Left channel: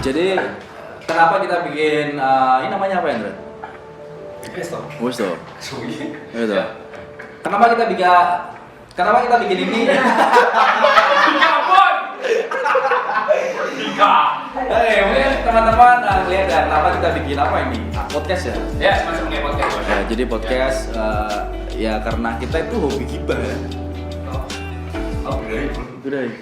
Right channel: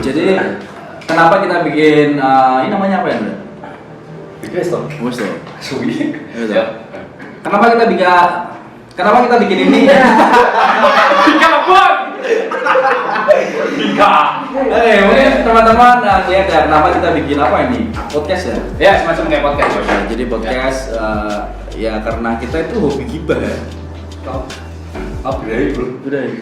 Jadi kenapa kita bikin ini namanya apa ya, Andre? Wes toh. Suwi. Gitu. Kenapa kita bikin ini? Oke, mungkin teman-teman lihat ya kenapa kita bikin apa ini? Podcast ya? Ya, semacam kayak podcast. Nah, jadi podcast ya karena kita itu hobi gibah ya. Udah ya.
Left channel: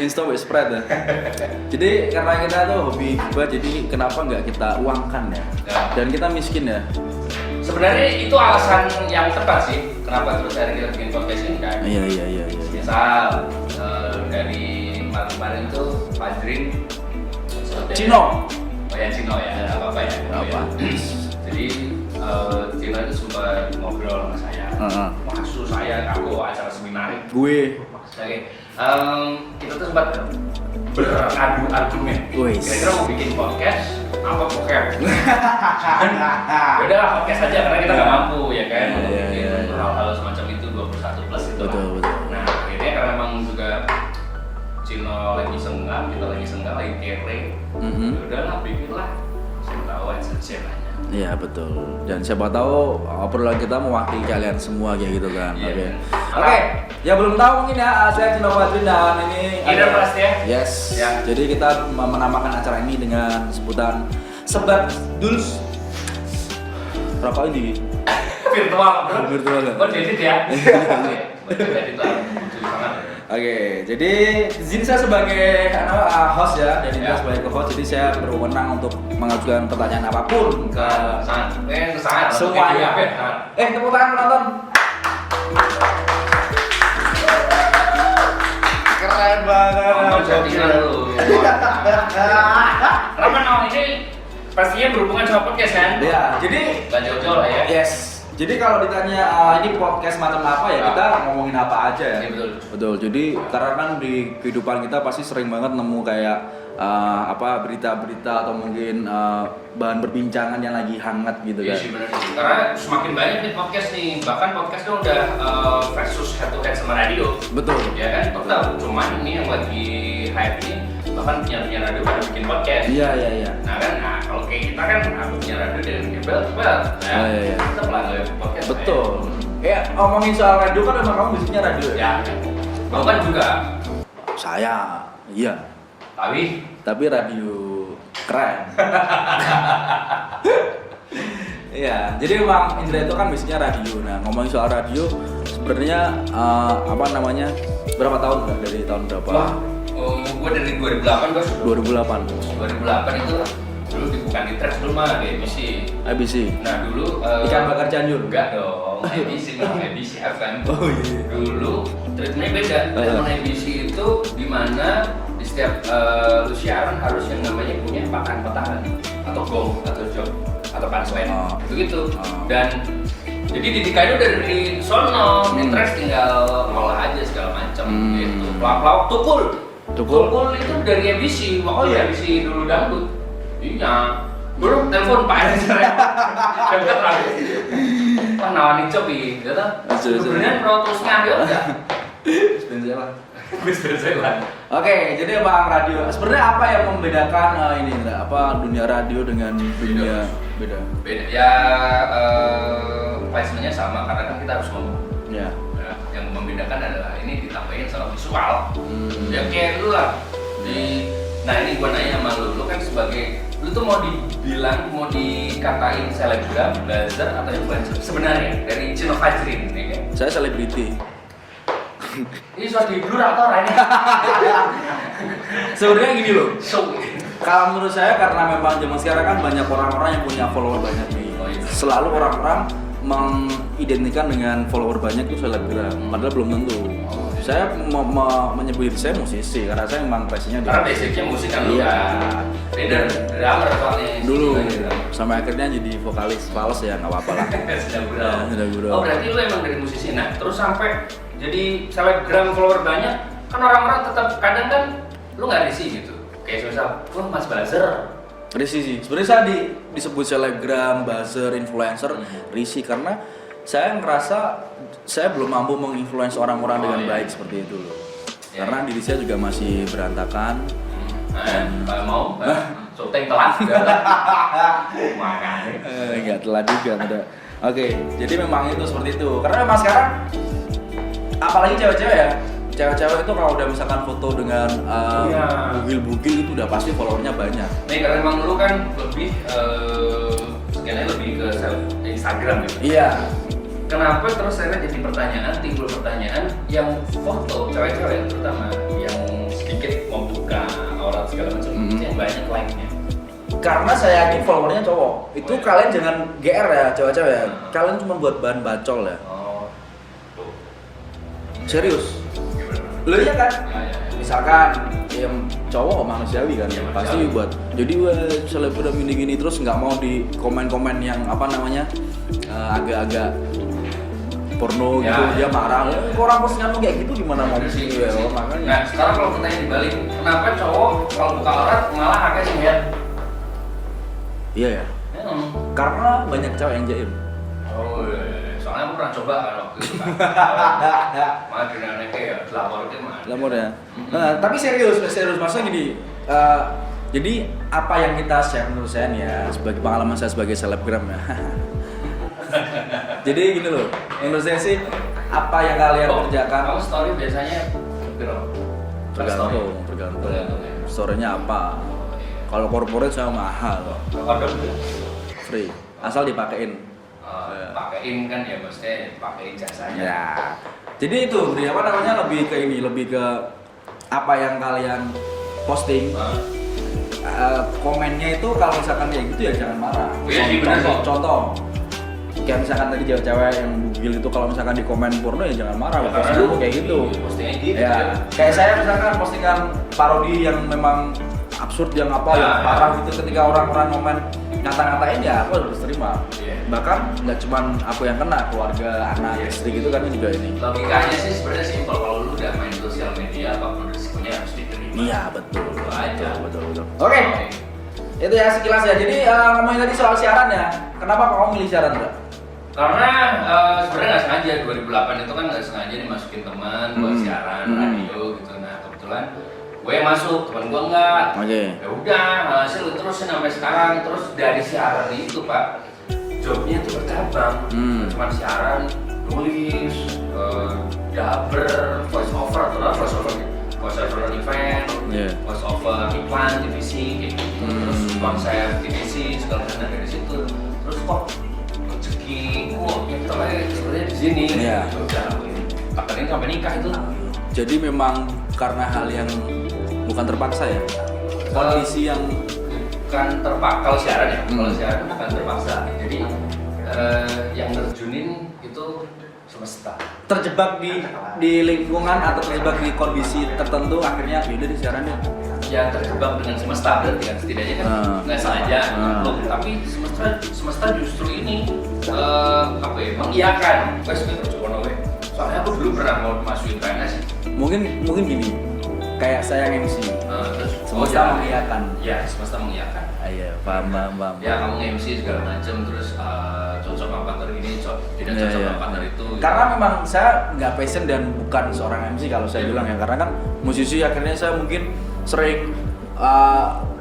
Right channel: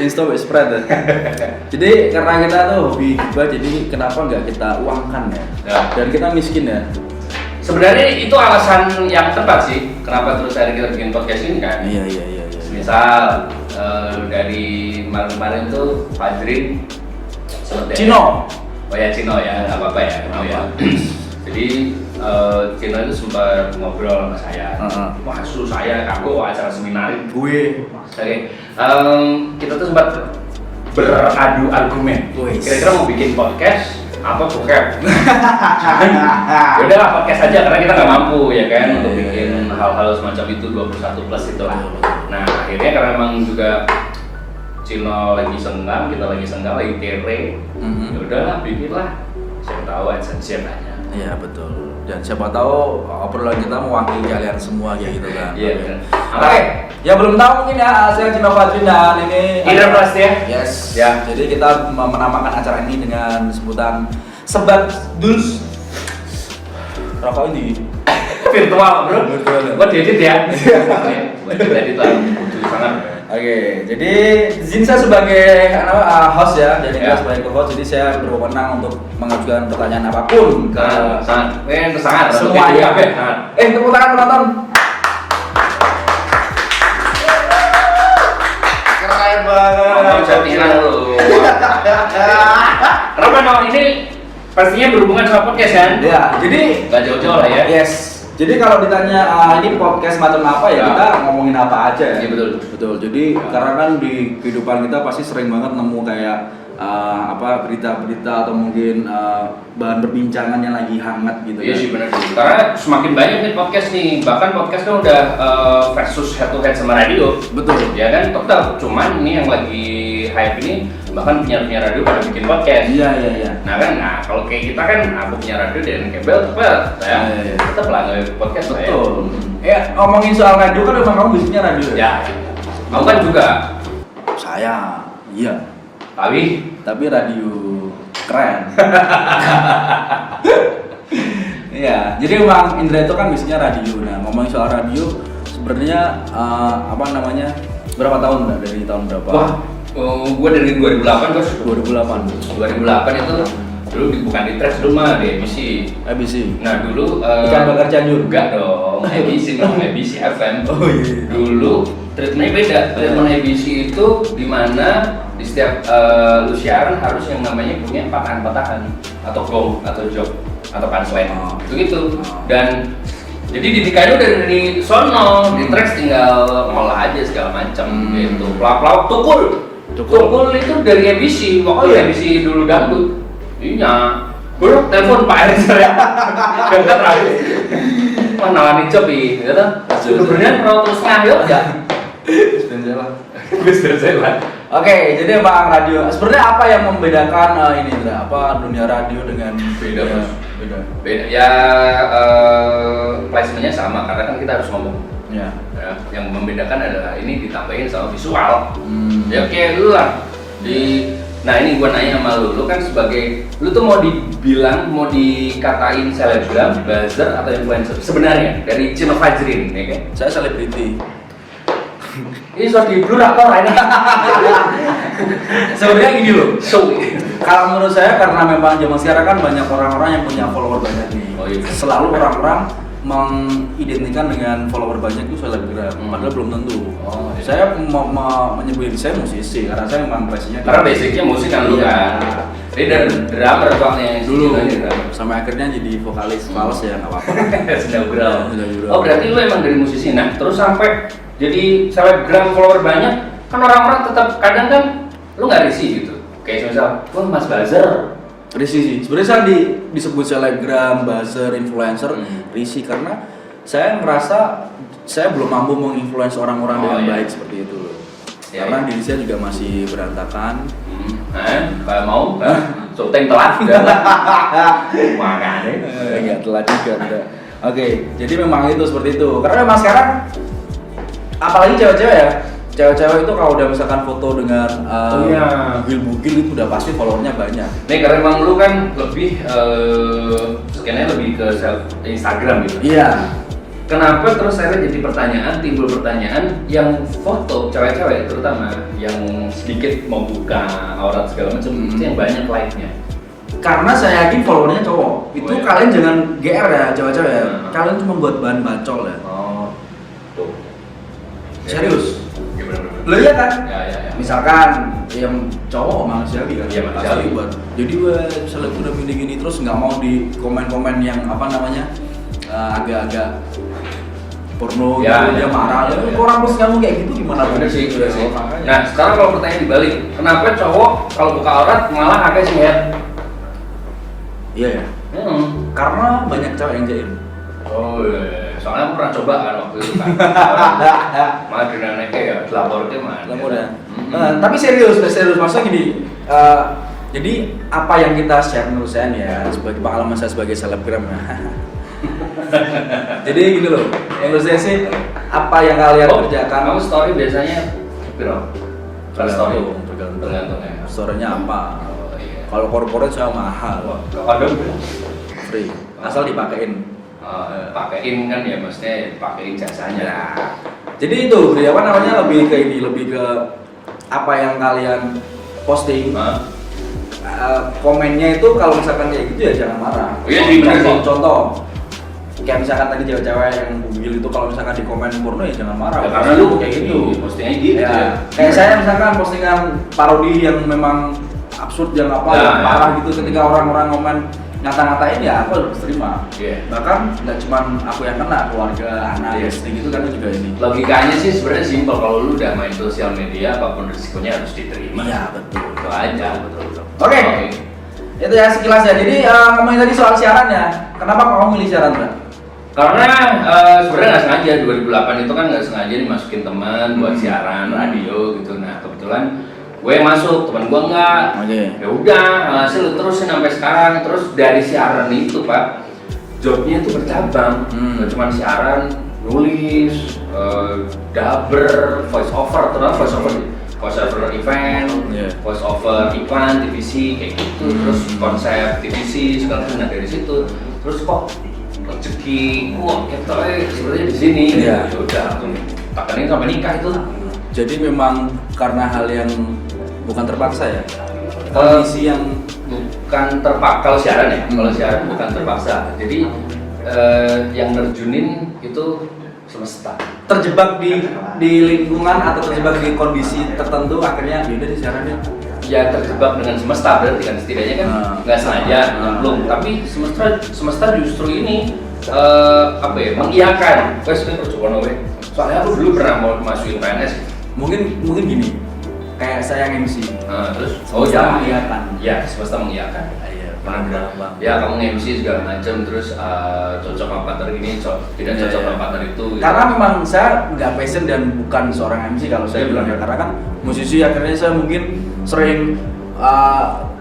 Insta spread ya. Jadi karena kita tuh hobi gibah, jadi kenapa nggak kita uangkan ya? Dan kita miskin ya. Sebenarnya itu alasan yang tepat sih. Kenapa terus hari kita bikin podcast ini kan? Iya. Misal dari kemarin tuh Fajrin Cino. Oh ya Cino ya, nggak apa-apa ya. Apa? Jadi Cino itu sempat ngobrol sama saya. Maksud saya aku acara seminar. Gue. Oke, kita tuh sempat beradu argumen. Kira-kira mau bikin podcast apa bokep? Ya udahlah podcast aja karena kita nggak mampu ya kan untuk bikin hal-hal semacam itu 21 plus itu lah. Betul. Nah akhirnya karena memang juga Cino lagi senggang, kita lagi senggang, lagi kere. Ya udahlah bikinlah. Siapa tahu siapanya. Iya betul. Dan siapa tahu obrolan kita mewakili kalian semua kayak gitu kan. Oke. Ya belum tahu mungkin ya, saya Cino Fajrin dan ini Indra Prastia. Yes. Ya. Jadi kita menamakan acara ini dengan sebutan Sebat Duls. Rokok ini Virtual bro. Virtual. Buat diedit ya. Buat diedit lah. Butuh sangat. Oke, jadi Zinsa sebagai host ya, jadi kita sebagai co-host, jadi saya berwenang untuk mengajukan pertanyaan apapun ke sangat semuanya. Tepuk tangan penonton. Keren banget. Nonton settingan dulu. Kenapa ini pastinya berhubungan sama podcast kan? Ya, jadi nggak jauh-jauh lah ya. Yes. Jadi kalau ditanya ini podcast macam apa ya, kita ngomongin apa aja ya. Iya Betul. Jadi karena kan di kehidupan kita pasti sering banget nemu kayak berita-berita atau mungkin bahan perbincangan yang lagi hangat gitu kan. Iya sih benar sih. Karena semakin banyak nih podcast nih. Bahkan podcast kan udah versus head to head sama radio. Betul. Ya kan, tetap cuman ini yang lagi hype ini bahkan penyiar radio pada bikin podcast. Iya. Nah kalau kayak kita kan aku punya radio dan kabel Iya. tetap lah nggak podcast. Betul. Ya ngomongin soal radio kan memang kamu bisnisnya radio ya. Kamu kan juga. Saya, iya. Tapi radio keren. Iya, jadi memang Indra itu kan bisnisnya radio. Nah ngomongin soal radio, sebenarnya berapa tahun nggak, dari tahun berapa? Gue dari 2008 terus. 2008 itu dulu bukan di Trax dulu mah di ABC. Nah dulu Ikan Bakar Cianjur. Enggak dong, ABC memang ABC FM. Oh iya. Dulu treatmentnya beda. Treatment ABC itu dimana di setiap lu siaran harus yang namanya punya patahan-patahan atau gong atau joke atau punchline gitu. Dan jadi didikannya udah dari sono, di Trax tinggal ngolah aja segala macam gitu. Pelak-pelak tukul itu dari ABC, waktu ABC dulu dangdut. Iya, gue telepon Pak Erick ya. Dekat lagi. Wah nawarin job gitu. Sebenarnya pro terus ngayot ya. Bisnisnya. Oke, jadi Bang radio. Sebenarnya apa yang membedakan dunia radio dengan beda? Ya placementnya sama karena kan kita harus ngomong. Ya. Yang membedakan adalah ini ditambahin sama visual. Ya kayak lu lah. Nah ini gue nanya sama lu kan sebagai, lu tuh mau dikatain selebgram, buzzer atau influencer sebenarnya dari Cino Fajrin ya kan? Saya selebriti. Ini sudah di blur atau lainnya? Sebenarnya gini loh. Kalau menurut saya karena memang zaman sekarang kan banyak orang-orang yang punya follower banyak nih. Selalu orang-orang mengidentikan dengan follower banyak itu selebgram, padahal belum tentu. Saya menyebut diri saya musisi karena saya memang passionnya karena basicnya musik kan lu kan. Jadi dari drummer soalnya dulu sampai akhirnya jadi vokalis fals ya nggak apa-apa lah. Sudah gurau. Oh berarti lu emang dari musisi. Nah terus sampai jadi selebgram follower banyak kan orang-orang tetap kadang kan lu nggak risih gitu. Kayak misal, wah Mas Buzzer. Risih sih. Sebenarnya saya disebut selebgram, buzzer, influencer, risih karena saya ngerasa saya belum mampu menginfluence orang-orang dengan baik seperti itu loh. Ya, karena ya. diri saya juga masih berantakan. Kalau mau, syuting telat juga. Makanya. Enggak telat juga, tidak. Oke, jadi memang itu seperti itu. Karena memang sekarang apalagi cewek-cewek ya. Cewek-cewek itu kalau udah misalkan foto dengan Iya. bugil-bugil itu udah pasti followernya banyak. Nih karena emang dulu kan lebih skenanya lebih ke self Instagram gitu. Iya. Kenapa terus akhirnya jadi pertanyaan, timbul pertanyaan yang foto cewek-cewek terutama yang sedikit mau buka aurat segala macam itu yang banyak like-nya. Karena saya yakin followernya cowok. Itu Oh, iya. kalian jangan GR ya, cewek-cewek ya. Hmm. Kalian cuma buat bahan bacol ya. Oh, tuh. Serius? Ya bener-bener. Lo iya kan? Ya. Misalkan yang cowok manusiawi kan, Iya, pasti manusiawi. buat. Jadi wah selebgram gini terus nggak mau di komen-komen yang apa namanya agak-agak porno Ya, gitu, dia ya, marah. ya, ya. Kok orang post kamu kayak gitu gimana mau Bener sih, gitu bener sih. makanya. Nah sekarang kalau pertanyaan dibalik, kenapa cowok kalau buka aurat malah agak sengit? Iya ya. Karena banyak cewek yang jaim. Oh iya, soalnya aku pernah coba kan waktu itu kan. Malah dinamiknya ya, lapornya mana? Lamur ya. Tapi serius maksudnya gini. Jadi apa yang kita share menurut saya nih ya sebagai pengalaman saya sebagai selebgram ya. Jadi gini loh, menurut saya sih apa yang kalian kerjakan Kamu story biasanya berapa? tergantung ya. story-nya apa. Oh, iya. Kalau corporate saya mahal, Kondom free, asal dipakein. pakein kan ya, maksudnya pakein jasanya. Ya. Jadi itu apa namanya lebih ke ini, lebih ke apa yang kalian posting. Nah, Komennya itu kalau misalkan kayak gitu ya jangan marah. Oh iya sih, bener sih. Contoh, kayak misalkan tadi cewek-cewek yang bugil itu kalau misalkan di komen porno ya jangan marah. Ya, karena Posting lu kayak gitu. postingnya gitu Ya, ya. kayak saya misalkan postingan parodi yang memang absurd yang apa Ya, yang ya. parah gitu ketika orang-orang komen ngata-ngatain ya aku harus terima. Iya. Bahkan nggak cuman aku yang kena, keluarga, anak, istri gitu kan juga ini. Logikanya sih sebenarnya simpel, kalau lu udah main sosial media apapun risikonya harus diterima. Iya betul. Itu aja. Betul. Oke. Itu ya sekilas ya. Jadi ngomongin tadi soal siaran ya. Kenapa kamu milih siaran, Bro? Karena sebenarnya nggak sengaja 2008 itu kan nggak sengaja dimasukin teman buat siaran radio gitu. Nah kebetulan gue masuk, teman gue enggak. Oke. Ya udah, hasil lu terusin sampai sekarang. Terus dari siaran itu Pak, jobnya itu bercabang. Nggak cuma siaran, nulis, dubber, voice over, terus voice over event, Yeah. voice over iklan, TVC kayak gitu. Terus konsep TVC segala macam. Nah dari situ, terus kok rezeki, kok kita sebenarnya di sini. Iya. Ya udah, langsung takanin sampai nikah itu. Jadi memang karena hal yang bukan terpaksa ya. Kondisi yang Bukan terpaksa, kalau siaran ya, kalau siaran bukan terpaksa. Jadi yang nerjunin itu semesta. terjebak di lingkungan atau terjebak di kondisi tertentu akhirnya yaudah di siaran deh. Ya terjebak dengan semesta berarti kan, setidaknya kan nggak sengaja nyemplung, tapi semesta justru ini apa ya, mengiyakan. Wes kan coba nawe. Soalnya aku dulu pernah mau masukin PNS. Mungkin gini, kayak saya yang MC. Terus Semesta mengiyakan. Ya semesta mengiyakan. Iya, paham. Ya kamu MC segala macam, terus cocok sama partner ini, tidak Iya, cocok iya. sama partner itu. gitu. Karena memang saya nggak passion dan bukan seorang MC kalau saya Iya, bilang ya. benar. Karena kan musisi akhirnya saya mungkin sering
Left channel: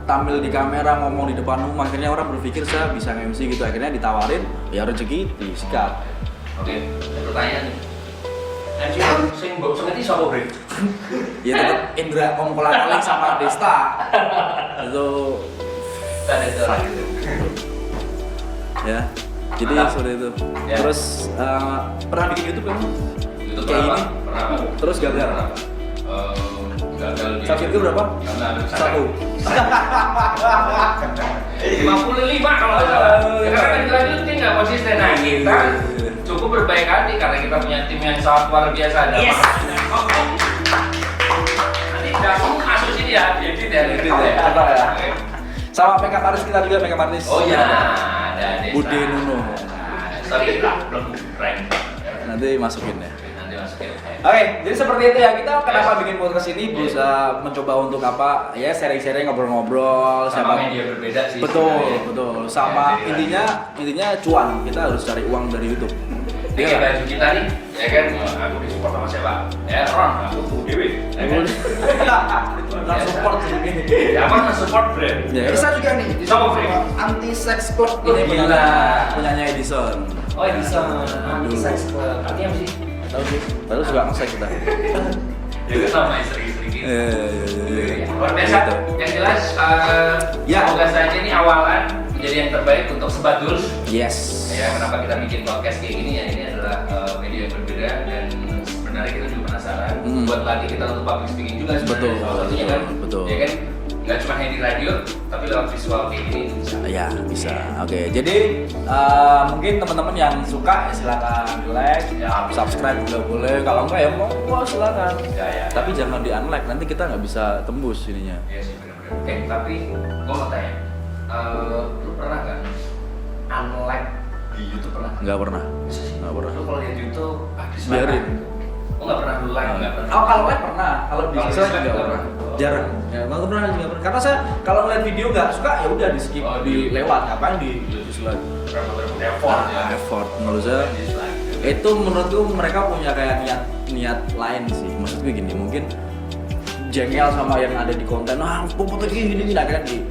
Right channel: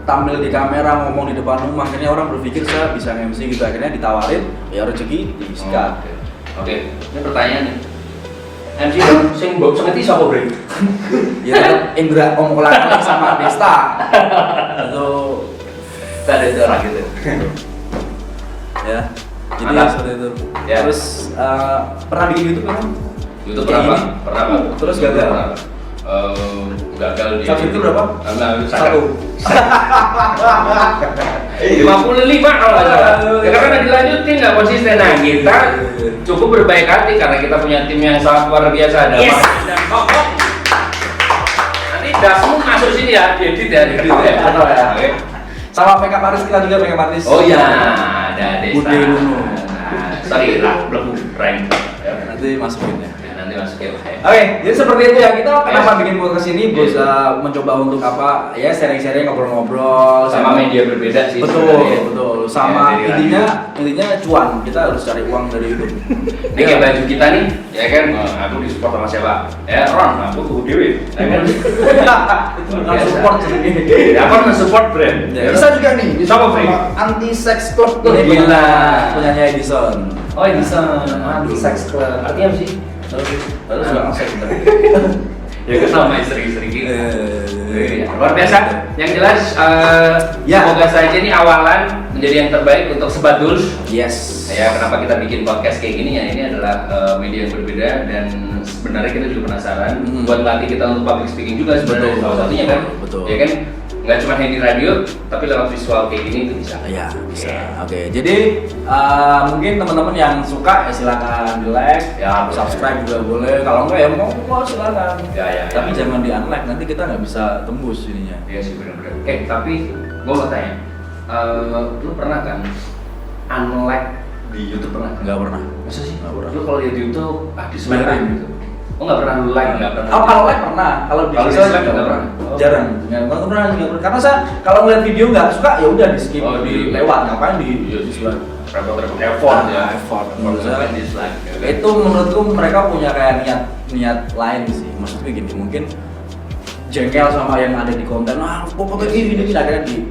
tampil di kamera ngomong di depan umum, akhirnya orang berpikir saya bisa MC gitu, akhirnya ditawarin ya rezeki disikat. Oke, ini pertanyaannya. MC dong, sing mbok sengeti sapa, Bre? Ya tetap Indra Om Kolak sama Desta. Itu Ada orang gitu. ya. Jadi Mantap. seperti itu. Ya. Terus pernah bikin YouTube kan? Itu Kayak pernah, gini. Pak? Pernah, Pak. Terus gagal? Pernah, Pak. Gagal di Subscriber berapa? Satu. 55 kalau nggak salah. Ya, karena nggak dilanjutin, nggak konsisten. Nah kita cukup berbaik hati karena kita punya tim yang sangat luar biasa. Ada Yes. Pak dan Kokok. Nanti dasmu masuk sini ya, diedit ya, Edit ya, betul ya. Oke. Sama makeup artist kita juga makeup artist. Oh iya, ada Desta. Bude Nuno. Nah, sorry lah, belum rank. Ya, Nanti masukin ya. nanti nanti masukin. Oke, jadi seperti itu ya. Kita kenapa bikin podcast ini? Bisa mencoba untuk apa? Ya sharing-sharing, ngobrol-ngobrol Sama media berbeda sih. Betul, sebenarnya. betul. Sama Ya, dari intinya cuan. Kita harus cari uang dari YouTube. Ini kayak baju kita nih, ya kan? Aku disupport sama siapa? Ya Ron, aku tuh Dewi, ya kan? Itu bukan support sih. Ya aku nge-support brand. Ya, Bisa juga nih di Sama, sama anti sex club tuh. Ini punyanya Edison. Oh ini bisa anti-sex club. Artinya apa sih? Tahu sih. Padahal suka nge-sex kita. Ya kan sama istri-istri gitu. Iya. Luar biasa. Gitu. Yang jelas, Ya. semoga saja ini awalan menjadi yang terbaik untuk Sebaduls. Yes. Ya, kenapa kita bikin podcast kayak gini ya? Ini adalah media yang berbeda dan sebenarnya kita juga penasaran buat latih kita untuk public speaking juga sebenarnya. Betul, Salah satunya kan, betul. ya kan? Nggak cuma di radio, tapi lewat visual kayak gini itu bisa. Ya bisa. Oke. Jadi mungkin teman-teman yang suka ya silakan di like, Ya, subscribe juga boleh. Kalau enggak ya mau silakan. Ya. Tapi jangan di unlike, nanti kita nggak bisa tembus ininya. Iya sih benar-benar. Tapi gue mau tanya, lu pernah kan unlike di YouTube pernah? Nggak pernah. Masa sih? Nggak pernah. Lu kalau lihat YouTube, dislike Biarin. gitu. Oh nggak pernah lu like, nggak pernah. Oh kalau like pernah, kalau di Kalau dislike dislike nggak nggak pernah. pernah. Oh. Jarang, nggak pernah. Karena saya kalau ngeliat video nggak suka ya udah di skip, Oh, di lewat. Ngapain di dislike? Repot-repot effort ya. Effort menurut saya. Dislike. Ya kan? Itu menurutku mereka punya kayak niat lain sih. Maksudku gini, mungkin jengkel sama yang ada di konten. Ah, foto gini akhirnya di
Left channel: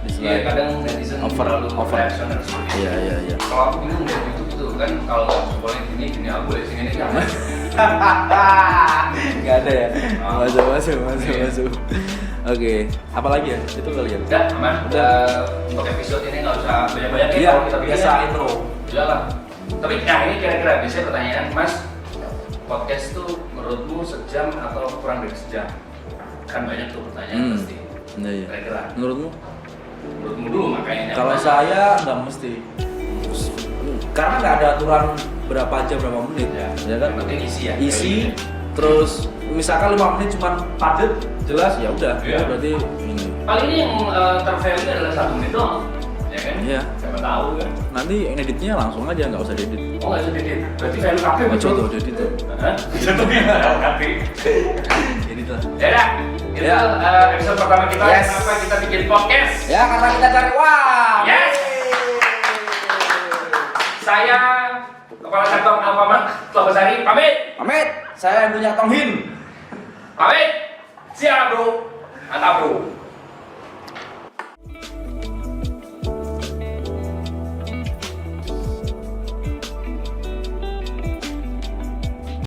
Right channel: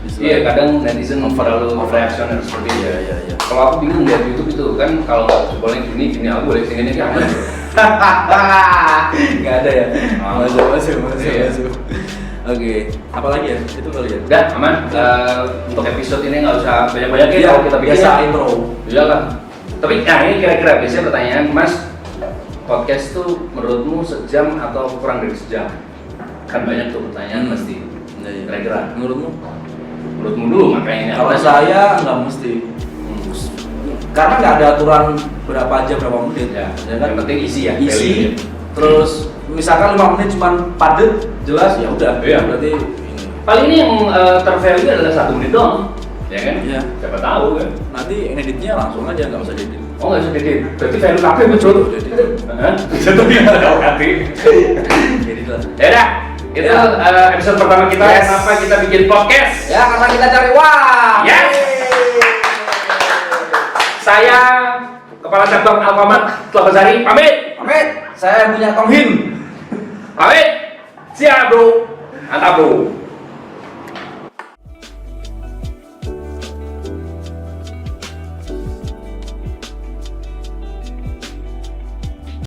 dislike. Iya kadang netizen terlalu reaksioner seperti itu. Iya. Kalau aku bingung lihat YouTube itu kan kalau nggak boleh gini aku boleh sini kan. Nggak ada ya. Oh. Masuk. Iya. Oke, apalagi ya? Itu kali ya. Udah aman. Untuk episode ini nggak usah banyak-banyak ya. Iya, Kalau kita bikin biasa ya. intro. Iyalah. Tapi ini kira-kira biasanya pertanyaan Mas, podcast tuh menurutmu sejam atau kurang dari sejam? Kan banyak tuh pertanyaan pasti. Iya. Kira-kira Menurutmu? menurutmu dulu makanya ini. Kalau apa? saya nggak mesti. Karena nggak ada aturan berapa jam berapa menit. Ya, kan? yang penting isi ya. Isi. Terus misalkan 5 menit cuman padet, jelas ya udah. Iya. Berarti ini. Paling ini yang tervalue adalah 1 menit doang, ya kan? Iya. Siapa tahu kan? Nanti editnya langsung aja, nggak usah edit. Oh nggak usah edit. Berarti value kafe Coba betul. tuh edit tuh. Hah? Contoh yang tahu nanti. Edit lah. Ya dah. Itu Ya. episode pertama kita. Yes. Kenapa kita bikin podcast? Ya karena kita cari uang. Yes. Saya Kepala Cabang Alfamart Telogosari pamit. Pamit. Saya yang punya Tonghin. Pamit. Siap bro. Mantap bro.